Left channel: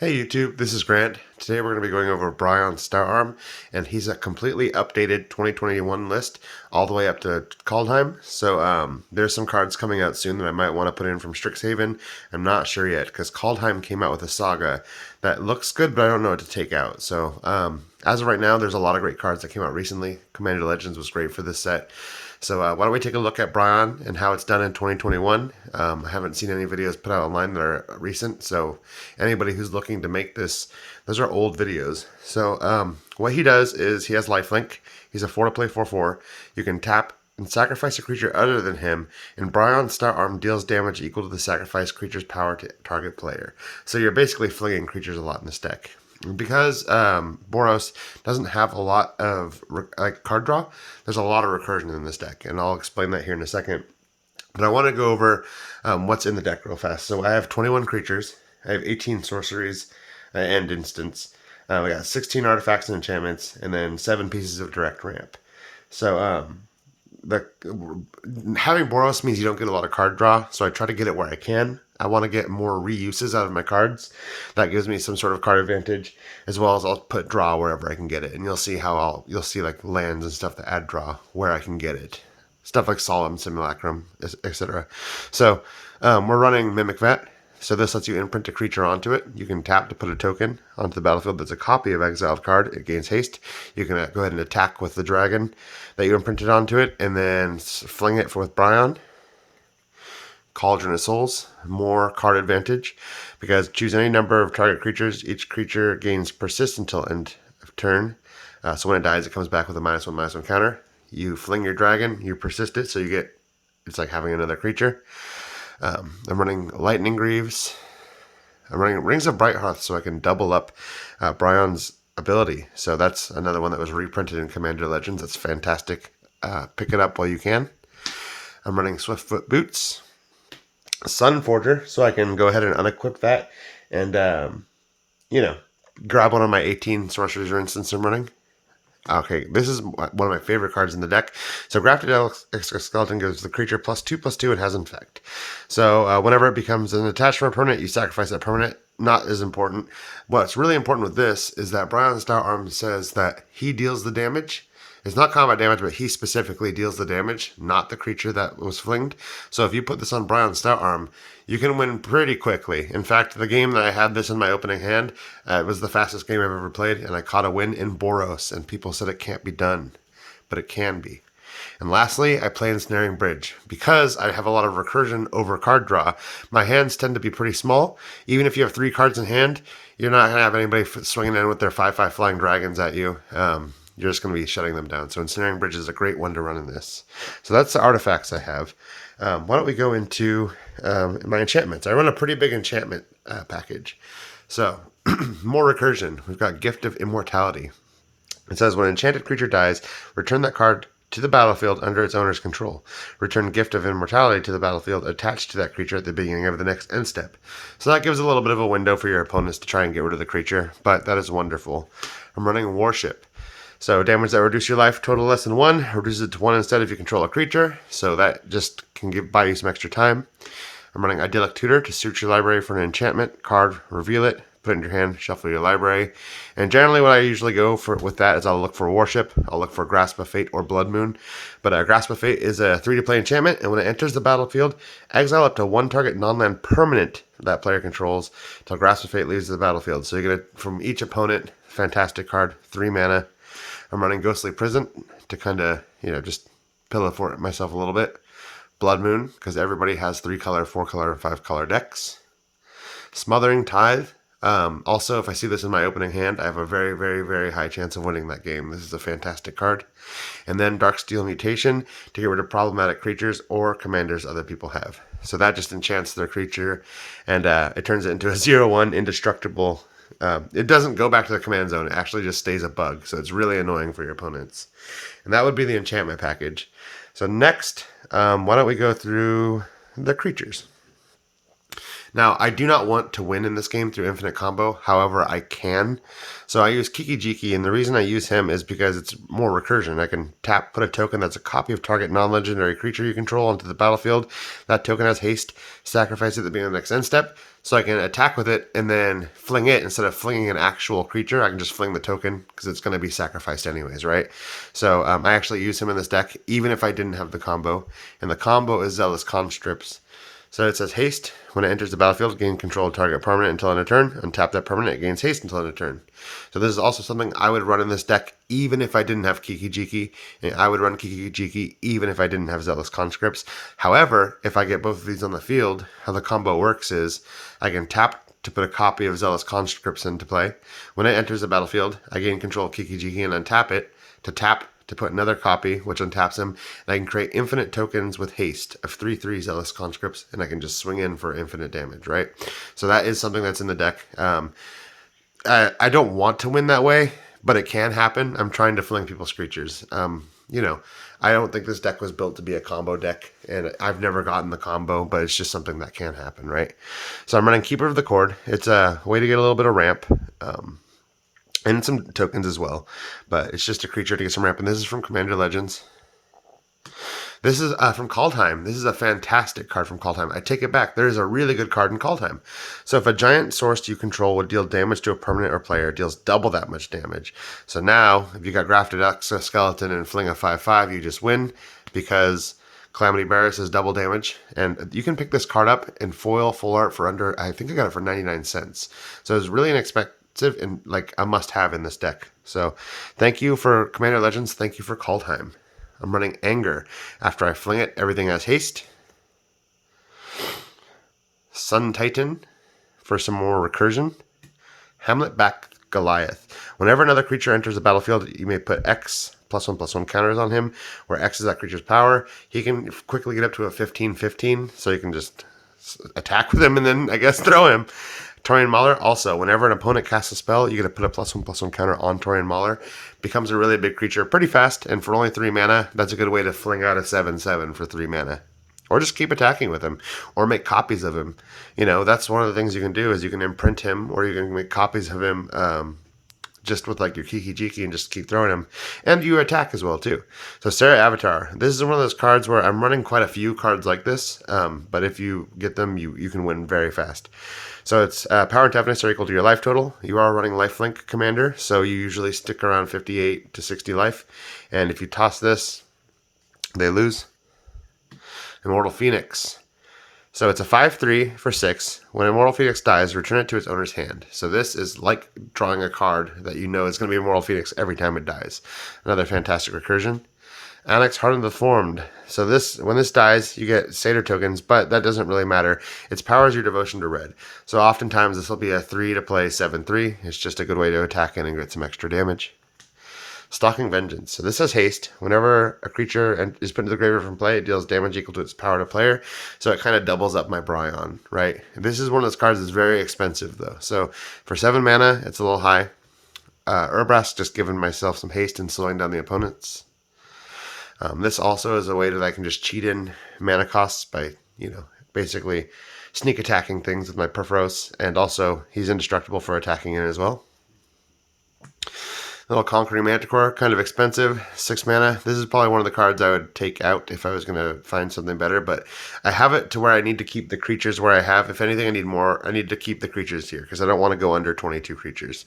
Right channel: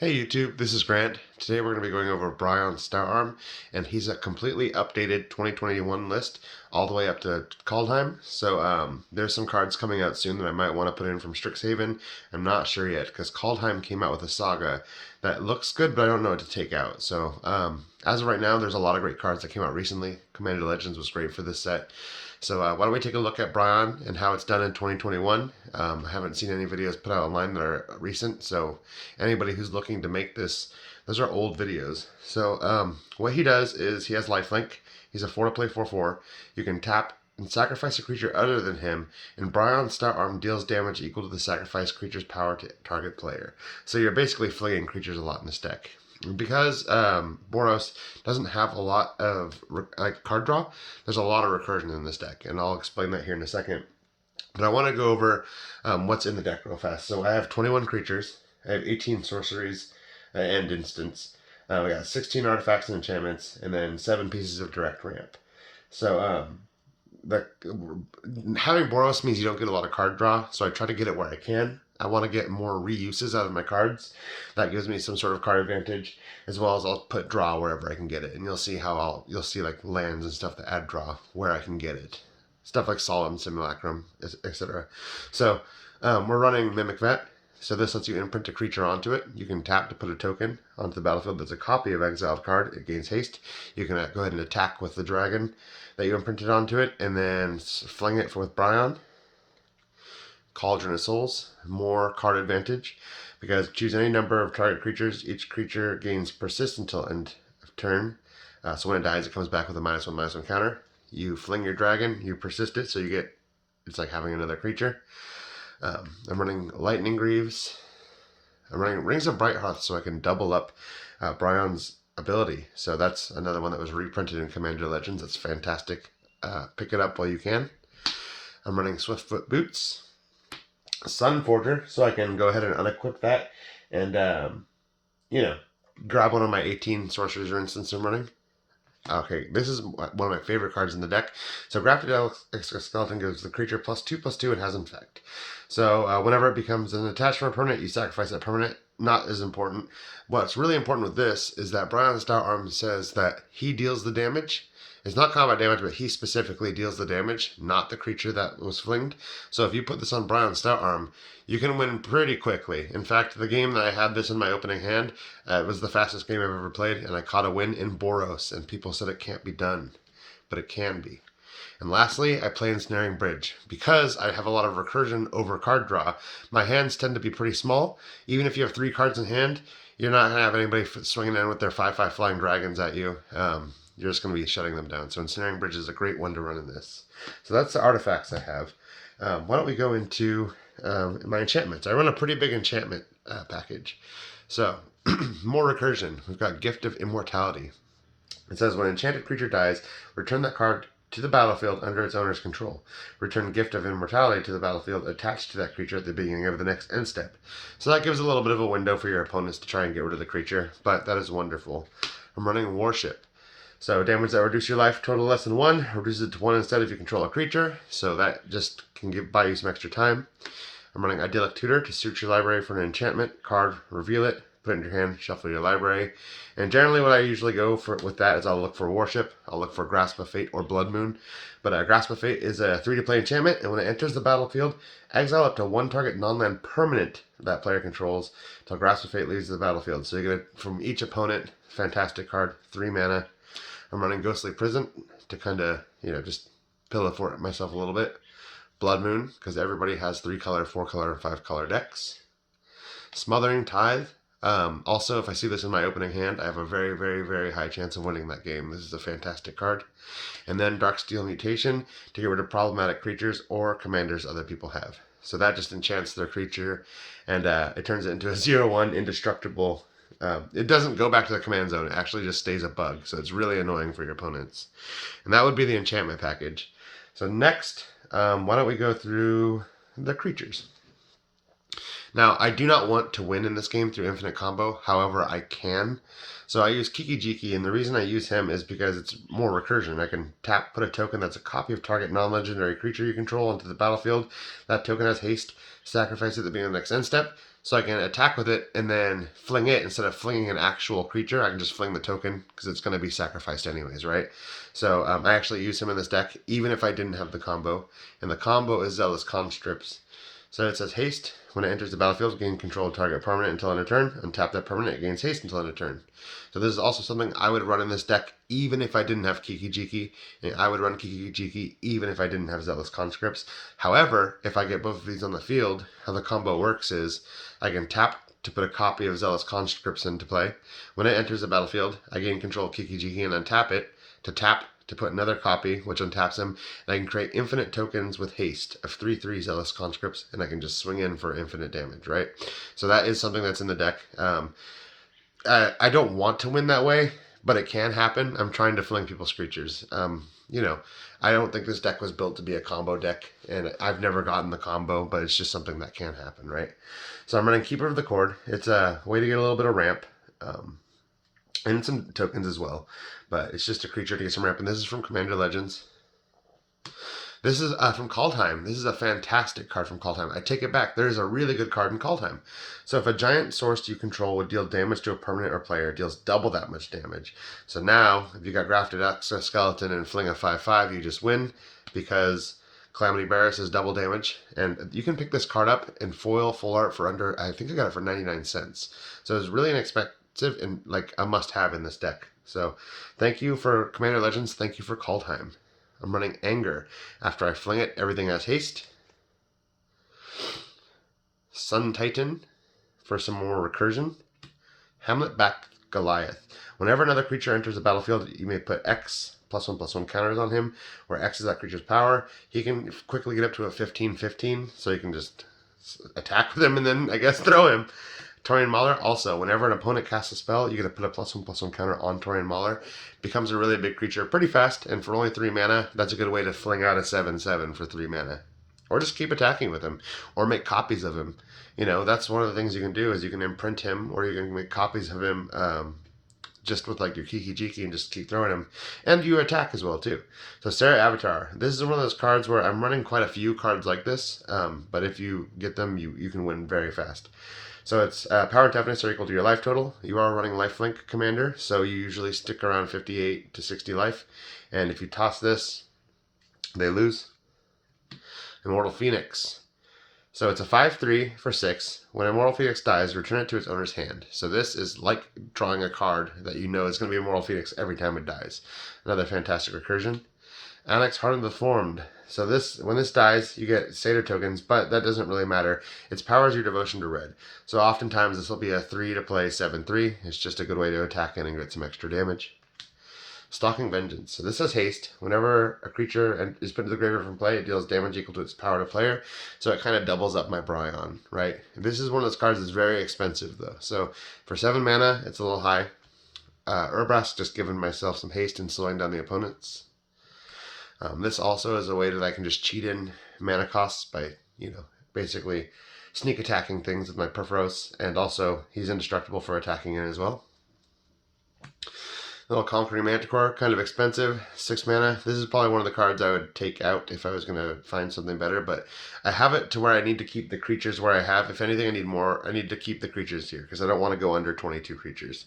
Hey YouTube, this is Grant. Today we're going to be going over BRION STOUTARM, and he's a completely updated 2021 list all the way up to Kaldheim. So there's some cards coming out soon that I might want to put in from Strixhaven. I'm not sure yet because Kaldheim came out with a saga that looks good, but I don't know what to take out. So as of right now, there's a lot of great cards that came out recently. Commander Legends was great for this set. So why don't we take a look at BRION and how it's done in 2021. I haven't seen any videos put out online that are recent, so anybody who's looking to make this, those are old videos. So what he does is he has lifelink. He's a 4 to play 4/4. You can tap and sacrifice a creature other than him, and BRION STOUTARM deals damage equal to the sacrificed creature's power to target player. So you're basically flinging creatures a lot in this deck. Because Boros doesn't have a lot of card draw, there's a lot of recursion in this deck, and I'll explain that here in a second. But I want to go over what's in the deck real fast. So I have 21 creatures, I have 18 sorceries and instants. We got 16 artifacts and enchantments, and then 7 pieces of direct ramp. So having Boros means you don't get a lot of card draw, so I try to get it where I can. I want to get more reuses out of my cards. That gives me some sort of card advantage, as well as I'll put draw wherever I can get it. And you'll see how you'll see like lands and stuff that add draw where I can get it. Stuff like Solemn Simulacrum, etc. So we're running Mimic Vet. So this lets you imprint a creature onto it. You can tap to put a token onto the battlefield that's a copy of exiled card. It gains haste. You can go ahead and attack with the dragon that you imprinted onto it, and then fling it with BRION. Cauldron of Souls, more card advantage, because choose any number of target creatures. Each creature gains persist until end of turn. So when it dies, it comes back with a -1/-1 counter. You fling your dragon, you persist it, so you get, it's like having another creature. I'm running Lightning Greaves. I'm running Rings of Brighthearth so I can double up BRION's ability. So that's another one that was reprinted in Commander Legends. That's fantastic. Pick it up while you can. I'm running Swiftfoot Boots. Sun Forger, so I can go ahead and unequip that and, grab one of my 18 sorceries or instants I'm running. Okay, this is one of my favorite cards in the deck. So Grafted Exoskeleton gives the creature +2/+2 and has infect. So whenever it becomes an attached from a permanent, you sacrifice that permanent. Not as important. What's really important with this is that BRION STOUTARM says that he deals the damage. It's not combat damage, but he specifically deals the damage, not the creature that was flinged. So if you put this on BRION STOUTARM, you can win pretty quickly. In fact, the game that I had this in my opening hand, it was the fastest game I've ever played, and I caught a win in Boros, and people said it can't be done, but it can be. And lastly, I play Ensnaring Bridge. Because I have a lot of recursion over card draw, my hands tend to be pretty small. Even if you have 3 cards in hand, you're not going to have anybody swinging in with their 5/5 flying dragons at you. You're just going to be shutting them down. So Ensnaring Bridge is a great one to run in this. So that's the artifacts I have. Why don't we go into my enchantments? I run a pretty big enchantment package. So more recursion. We've got Gift of Immortality. It says when an enchanted creature dies, return that card to the battlefield under its owner's control. Return Gift of Immortality to the battlefield attached to that creature at the beginning of the next end step. So that gives a little bit of a window for your opponents to try and get rid of the creature, but that is wonderful. I'm running Warship. So damage that reduce your life total less than 1, reduces it to 1 instead if you control a creature. So that just can buy you some extra time. I'm running Idyllic Tutor to search your library for an enchantment card, reveal it, put it in your hand, shuffle your library. And generally what I usually go for with that is I'll look for Warship, I'll look for Grasp of Fate or Blood Moon. But Grasp of Fate is a 3-to-play enchantment, and when it enters the battlefield, exile up to 1 target non-land permanent that player controls till Grasp of Fate leaves the battlefield. So you get it from each opponent. Fantastic card, 3 mana. I'm running Ghostly Prison to kind of, just pillow fort myself a little bit. Blood Moon, because everybody has 3-color, 4-color, and 5-color decks. Smothering Tithe. Also, if I see this in my opening hand, I have a very, very, very high chance of winning that game. This is a fantastic card. And then Darksteel Mutation to get rid of problematic creatures or commanders other people have. So that just enchants their creature, and it turns it into a 0/1 indestructible. It doesn't go back to the command zone. It actually just stays a bug. So it's really annoying for your opponents. And that would be the enchantment package. So next, why don't we go through the creatures. Now, I do not want to win in this game through infinite combo. However, I can. So I use Kiki Jiki, and the reason I use him is because it's more recursion. I can tap, put a token that's a copy of target non-legendary creature you control onto the battlefield. That token has haste. Sacrifice it at the beginning of the next end step. So I can attack with it and then fling it instead of flinging an actual creature. I can just fling the token because it's going to be sacrificed anyways, right? So I actually use him in this deck even if I didn't have the combo. And the combo is Zealous Conscripts. So it says haste. When it enters the battlefield, gain control of target permanent until end of turn. Untap that permanent, it gains haste until end of turn. So this is also something I would run in this deck even if I didn't have Kiki Jiki. And I would run Kiki Jiki even if I didn't have Zealous Conscripts. However, if I get both of these on the field, how the combo works is I can tap to put a copy of Zealous Conscripts into play. When it enters the battlefield, I gain control of Kiki Jiki and untap it to tap to put another copy, which untaps him, and I can create infinite tokens with haste of 3/3 Zealous Conscripts, and I can just swing in for infinite damage, right? So that is something that's in the deck. I don't want to win that way, but it can happen. I'm trying to fling people's creatures. You know, I don't think this deck was built to be a combo deck, and I've never gotten the combo, but it's just something that can happen, right? So I'm running Keeper of the Cord. It's a way to get a little bit of ramp. And some tokens as well, but it's just a creature to get some ramp. And this is from Commander Legends. This is from Kaldheim. This is a fantastic card from Kaldheim. I take it back. There is a really good card in Kaldheim. So if a giant source you control would deal damage to a permanent or player, it deals double that much damage. So now, if you got Grafted Exoskeleton and fling a 5/5, you just win because Calamity Barris is double damage. And you can pick this card up in foil full art for under, I think I got it for 99 cents. So it's really inexpensive and like a must-have in this deck. So thank you for Commander Legends. Thank you for Kaldheim. I'm running Anger. After I fling it, everything has haste. Sun Titan for some more recursion. Hamlet back Goliath. Whenever another creature enters the battlefield, you may put X +1/+1 counters on him, where X is that creature's power. He can quickly get up to a 15/15, so you can just attack with him and then, I guess, throw him. Torian Mauler, also, whenever an opponent casts a spell, you get to put a +1/+1 counter on Torian Mauler. Becomes a really big creature pretty fast, and for only 3 mana, that's a good way to fling out a 7/7 for 3 mana. Or just keep attacking with him, or make copies of him. You know, that's one of the things you can do, is you can imprint him, or you can make copies of him just with like your Kiki Jiki and just keep throwing him. And you attack as well, too. So Sarah Avatar. This is one of those cards where I'm running quite a few cards like this, but if you get them, you can win very fast. So it's power and toughness are equal to your life total. You are running lifelink commander, so you usually stick around 58 to 60 life. And if you toss this, they lose. Immortal Phoenix. So it's a 5/3 for 6. When Immortal Phoenix dies, return it to its owner's hand. So this is like drawing a card that you know is going to be Immortal Phoenix every time it dies. Another fantastic recursion. Alex Hardened the Formed. So this, when this dies, you get Satyr tokens, but that doesn't really matter. Its power is your devotion to red. So oftentimes this will be a 3 to play 7/3. It's just a good way to attack in and get some extra damage. Stalking Vengeance. So this has haste. Whenever a creature is put into the graveyard from play, it deals damage equal to its power to player. So it kind of doubles up my BRION, right? This is one of those cards that's very expensive, though. So for 7 mana, it's a little high. Urbrask, just giving myself some haste and slowing down the opponents. This also is a way that I can just cheat in mana costs by, basically sneak attacking things with my Perforos. And also, he's indestructible for attacking in as well. Little Conquering Manticore, kind of expensive, 6 mana. This is probably one of the cards I would take out if I was going to find something better, but I have it to where I need to keep the creatures where I have. If anything, I need more. I need to keep the creatures here because I don't want to go under 22 creatures.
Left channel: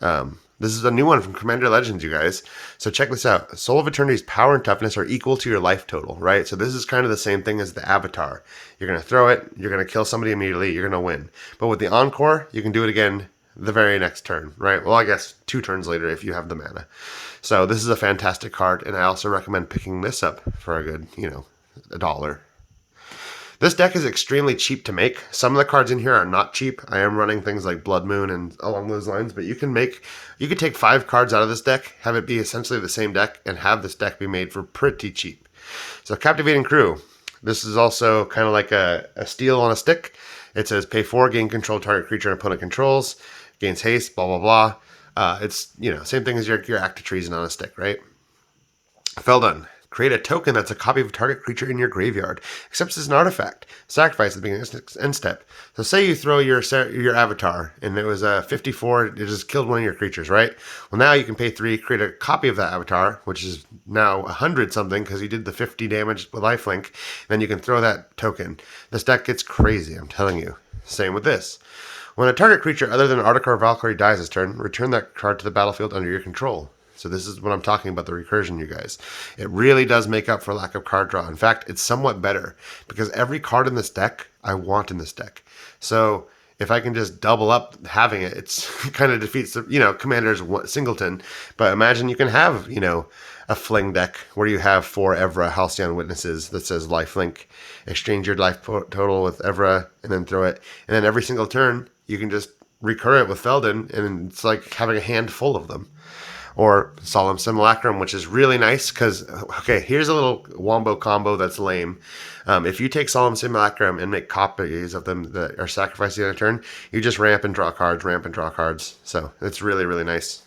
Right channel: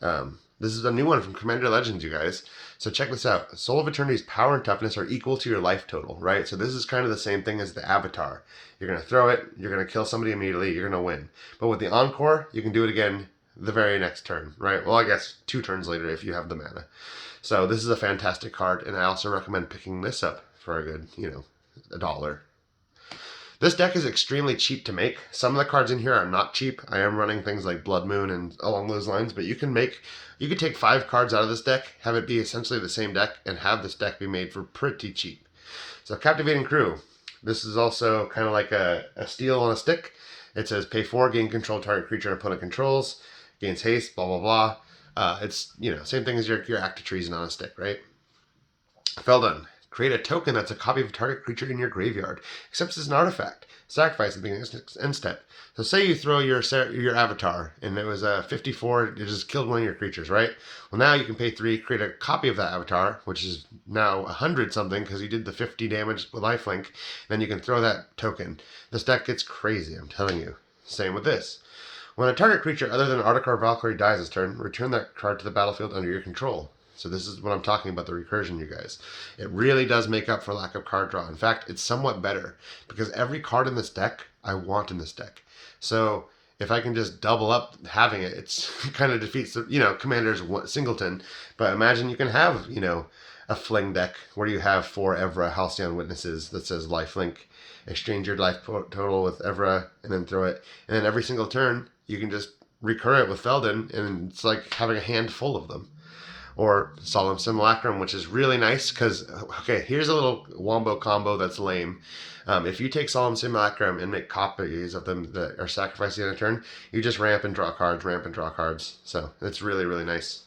This is a new one from Commander Legends, you guys. So check this out. Soul of Eternity's power and toughness are equal to your life total, right? So this is kind of the same thing as the Avatar. You're going to throw it, you're going to kill somebody immediately, you're going to win. But with the Encore, you can do it again the very next turn, right? Well, I guess 2 turns later if you have the mana. So this is a fantastic card, and I also recommend picking this up for a good, $1. This deck is extremely cheap to make. Some of the cards in here are not cheap. I am running things like Blood Moon and along those lines, but you could take 5 cards out of this deck, have it be essentially the same deck, and have this deck be made for pretty cheap. So Captivating Crew. This is also kind of like a steal on a stick. It says pay 4, gain control target creature and opponent controls, gains haste, blah, blah, blah. It's, same thing as your Act of Treason on a stick, right? Feldon. Create a token that's a copy of a target creature in your graveyard, except it's an artifact. Sacrifice at the beginning of the end step. So say you throw your Avatar, and it was a 54, it just killed one of your creatures, right? Well, now you can pay 3, create a copy of that Avatar, which is now 100 something, because you did the 50 damage with lifelink, then you can throw that token. This deck gets crazy, I'm telling you. Same with this. When a target creature other than Arctic or Valkyrie dies this turn, return that card to the battlefield under your control. So this is what I'm talking about, the recursion, you guys. It really does make up for lack of card draw. In fact, it's somewhat better because every card in this deck, I want in this deck. So if I can just double up having it, it's kind of defeats the, Commander's singleton. But imagine you can have, a fling deck where you have 4 Evra Halcyon Witnesses that says lifelink. Exchange your life total with Evra and then throw it. And then every single turn, you can just recur it with Feldon, and it's like having a handful of them. Or Solemn Simulacrum, which is really nice because, okay, here's a little wombo combo that's lame. If you take Solemn Simulacrum and make copies of them that are sacrificed on a turn, you just ramp and draw cards. So it's really, really nice.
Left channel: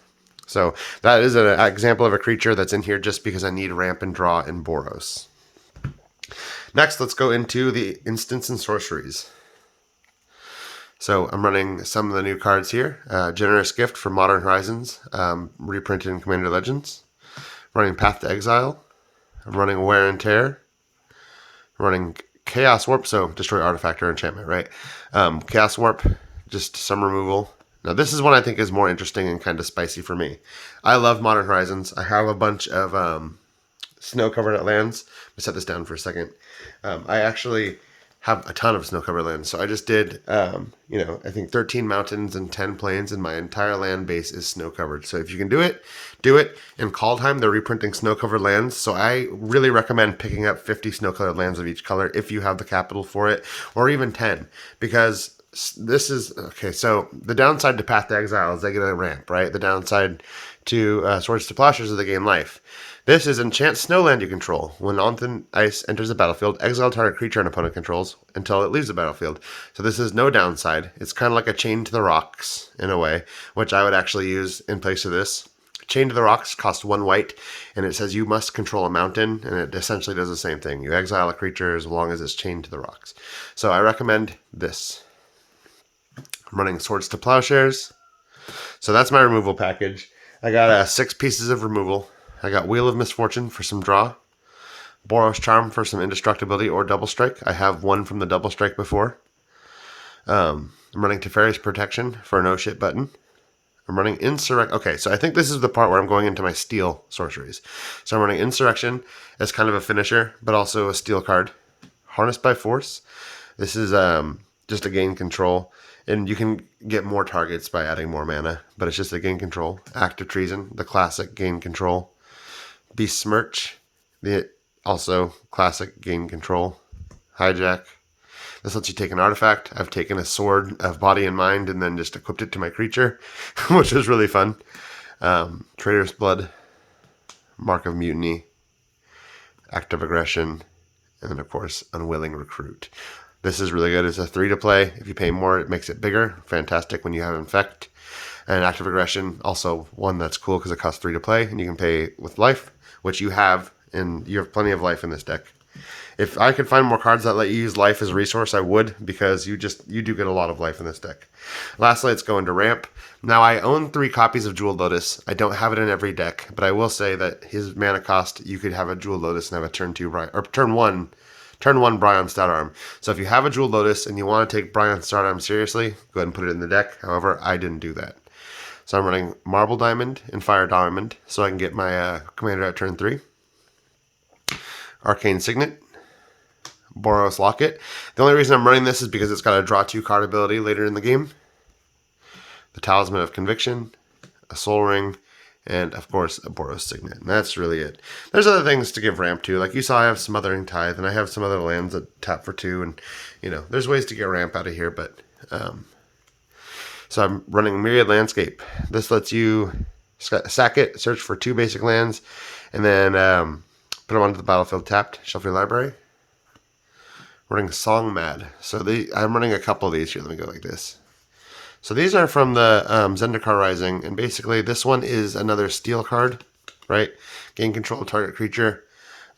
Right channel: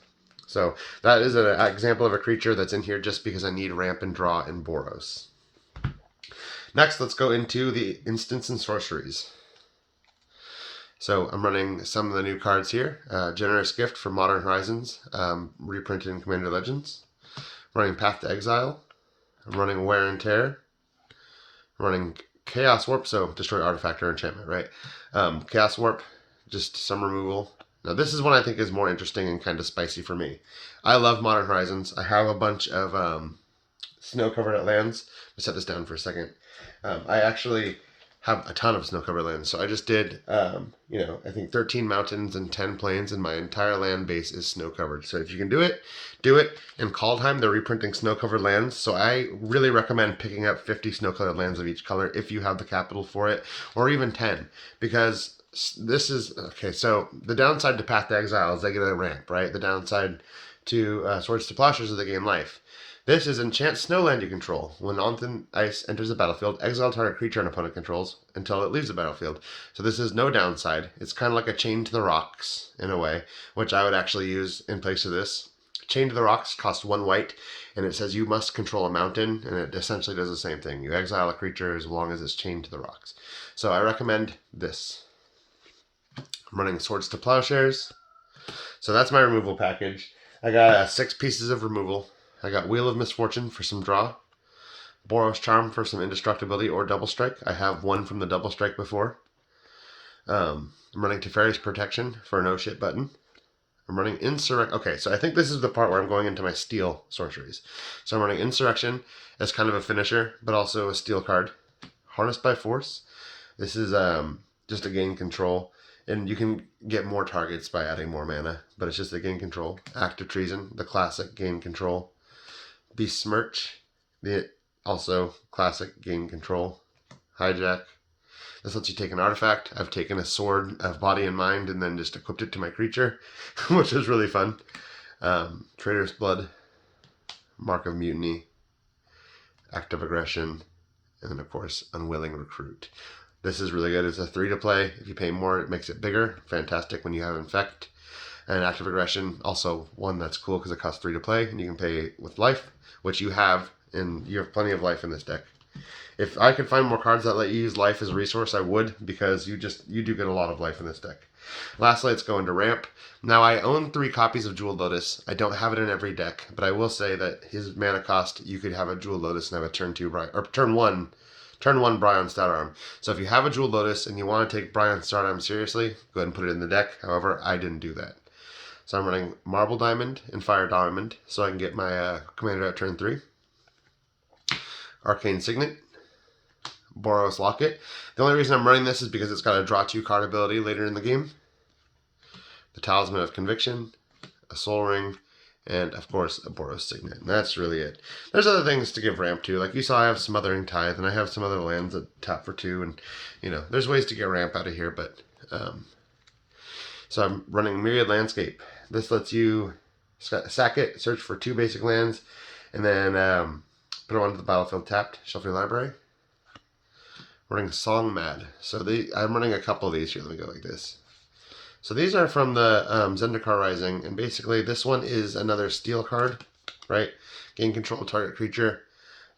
So that is an example of a creature that's in here just because I need ramp and draw in Boros. Next, let's go into the instants and sorceries. So I'm running some of the new cards here. Generous Gift from Modern Horizons, reprinted in Commander Legends. Running Path to Exile. I'm running Wear and Tear. I'm running Chaos Warp, so destroy artifact or enchantment, right? Chaos Warp, just some removal. Now this is one I think is more interesting and kind of spicy for me. I love Modern Horizons. I have a bunch of snow-covered lands. Let me set this down for a second. I actually have a ton of snow-covered lands. So I just did, I think 13 mountains and 10 plains, and my entire land base is snow-covered. So if you can do it, do it. In Kaldheim, they're reprinting snow-covered lands. So I really recommend picking up 50 snow-covered lands of each color if you have the capital for it, or even 10, because this is, okay, so the downside to Path to Exile is they get a ramp, right? The downside to Swords to Plowshares is they gain life. This is enchant snowland you control. When on ice enters the battlefield, exile target creature an opponent controls until it leaves the battlefield. So this is no downside. It's kind of like a Chain to the Rocks in a way, which I would actually use in place of this. Chain to the Rocks costs 1 white, and it says you must control a mountain, and it essentially does the same thing. You exile a creature as long as it's chained to the rocks. So I recommend this. I'm running Swords to Plowshares. So that's my removal package. I got 6 pieces of removal. I got Wheel of Misfortune for some draw. Boros Charm for some indestructibility or double strike. I have one from the double strike before. I'm running Teferi's Protection for a no shit button. I'm running Insurrection. Okay, so I think this is the part where I'm going into my steel sorceries. So I'm running Insurrection as kind of a finisher, but also a steel card. Harnessed by Force. This is just a gain control. And you can get more targets by adding more mana, but it's just a gain control. Act of Treason, the classic gain control. Besmirch, the also classic gain control. Hijack. This lets you take an artifact. I've taken a Sword of Body and Mind and then just equipped it to my creature, which was really fun. Traitor's Blood, Mark of Mutiny, Act of Aggression, and then of course Unwilling Recruit. This is really good. It's a 3 to play. If you pay more, it makes it bigger. Fantastic when you have Infect. And Active Aggression, also one that's cool because it costs 3 to play, and you can pay with life, which you have, and you have plenty of life in this deck. If I could find more cards that let you use life as a resource, I would, because you do get a lot of life in this deck. Lastly, let's go into Ramp. Now, I own 3 copies of Jeweled Lotus. I don't have it in every deck, but I will say that his mana cost, you could have a Jeweled Lotus and have a turn 1 BRION STOUTARM. So if you have a Jeweled Lotus and you want to take BRION STOUTARM seriously, go ahead and put it in the deck. However, I didn't do that. So I'm running Marble Diamond and Fire Diamond so I can get my commander at turn 3. Arcane Signet. Boros Locket. The only reason I'm running this is because it's got a draw 2 card ability later in the game. The Talisman of Conviction. A Soul Ring. And, of course, a Boros Signet. And that's really it. There's other things to give ramp to. Like you saw, I have Smothering Tithe, and I have some other lands that tap for 2. And, there's ways to get ramp out of here. But, so I'm running Myriad Landscape. This lets you sack it, search for 2 basic lands, and then put them onto the battlefield tapped. Shuffle your library. Running Song Mad. So I'm running a couple of these here. Let me go like this. So these are from the Zendikar Rising, and basically this one is another steel card, right? Gain control of target creature.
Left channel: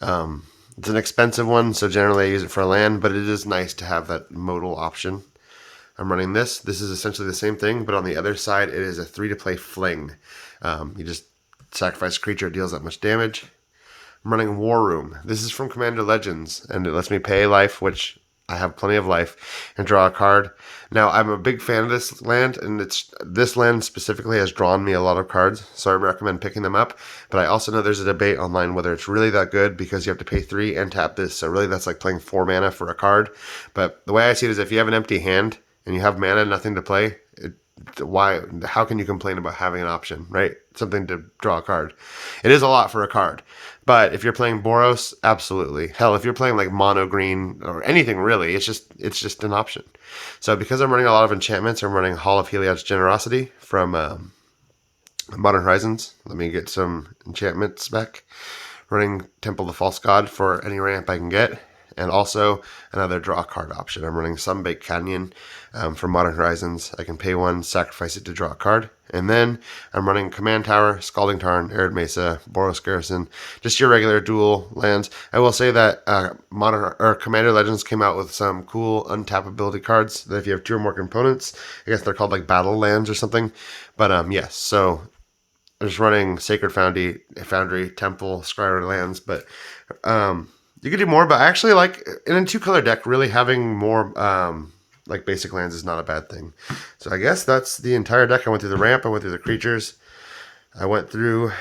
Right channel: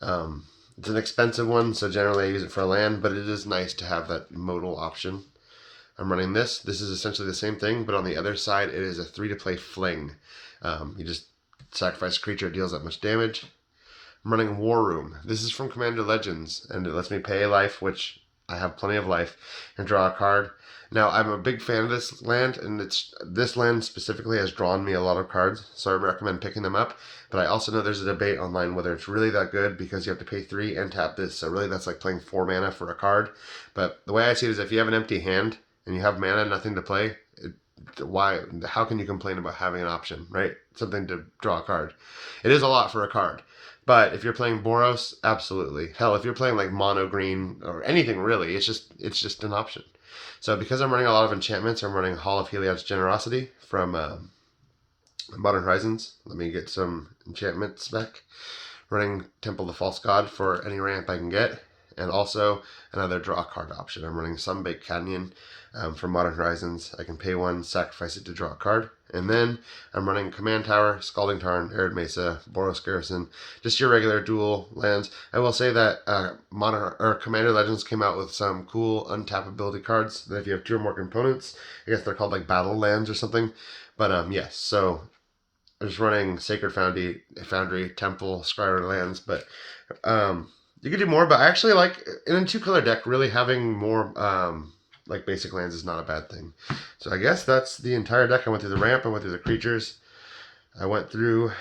It's an expensive one, so generally I use it for a land, but it is nice to have that modal option. I'm running this. This is essentially the same thing, but on the other side, it is a 3 to play fling. You just sacrifice a creature, it deals that much damage. I'm running War Room. This is from Commander Legends, and it lets me pay life, which I have plenty of life, and draw a card. Now, I'm a big fan of this land, and this land specifically has drawn me a lot of cards, so I recommend picking them up. But I also know there's a debate online whether it's really that good because you have to pay 3 and tap this. So really, that's like playing 4 mana for a card. But the way I see it is, if you have an empty hand and you have mana, nothing to play, why? How can you complain about having an option, right? Something to draw a card. It is a lot for a card. But if you're playing Boros, absolutely. Hell, if you're playing like mono green or anything really, it's just an option. So because I'm running a lot of enchantments, I'm running Hall of Heliod's Generosity from Modern Horizons. Let me get some enchantments back. Running Temple of the False God for any ramp I can get. And also another draw card option. I'm running Sunbaked Canyon from Modern Horizons. I can pay 1, sacrifice it to draw a card. And then I'm running Command Tower, Scalding Tarn, Arid Mesa, Boros Garrison, just your regular dual lands. I will say that Modern or Commander Legends came out with some cool untap ability cards that if you have 2 or more components, I guess they're called like battle lands or something. But yes, so I'm just running Sacred Foundry, Temple, Scryer lands, but you could do more. But I actually like in a 2-color deck, really having more like basic lands is not a bad thing. So I guess that's the entire deck. I went through the ramp, I went through the creatures, I went through.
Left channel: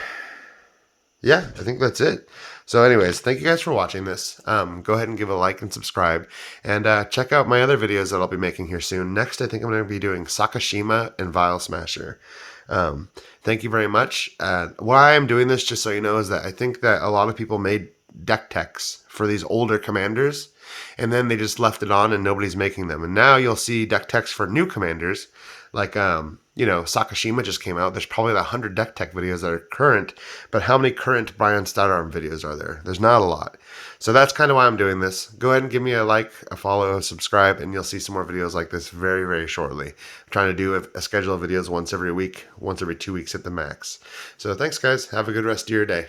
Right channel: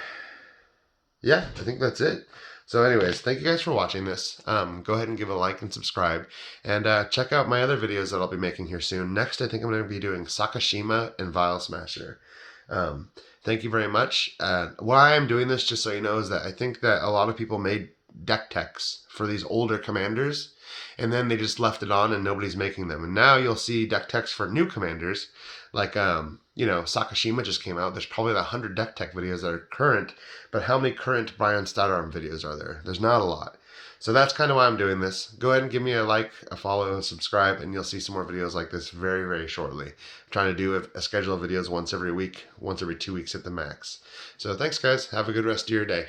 Yeah, I think that's it. So, anyways, thank you guys for watching this. Go ahead and give a like and subscribe, and check out my other videos that I'll be making here soon. Next, I think I'm going to be doing Sakashima and Vial Smasher. Thank you very much. Why I'm doing this, just so you know, is that I think that a lot of people made deck techs for these older commanders, and then they just left it on and nobody's making them. And now you'll see deck techs for new commanders, like Sakashima just came out. There's probably 100 deck tech videos that are current, but how many current BRION STOUTARM videos are there? There's not a lot. So that's kind of why I'm doing this. Go ahead and give me a like, a follow, a subscribe, and you'll see some more videos like this very, very shortly. I'm trying to do a schedule of videos once every week, once every 2 weeks at the max. So thanks, guys. Have a good rest of your day.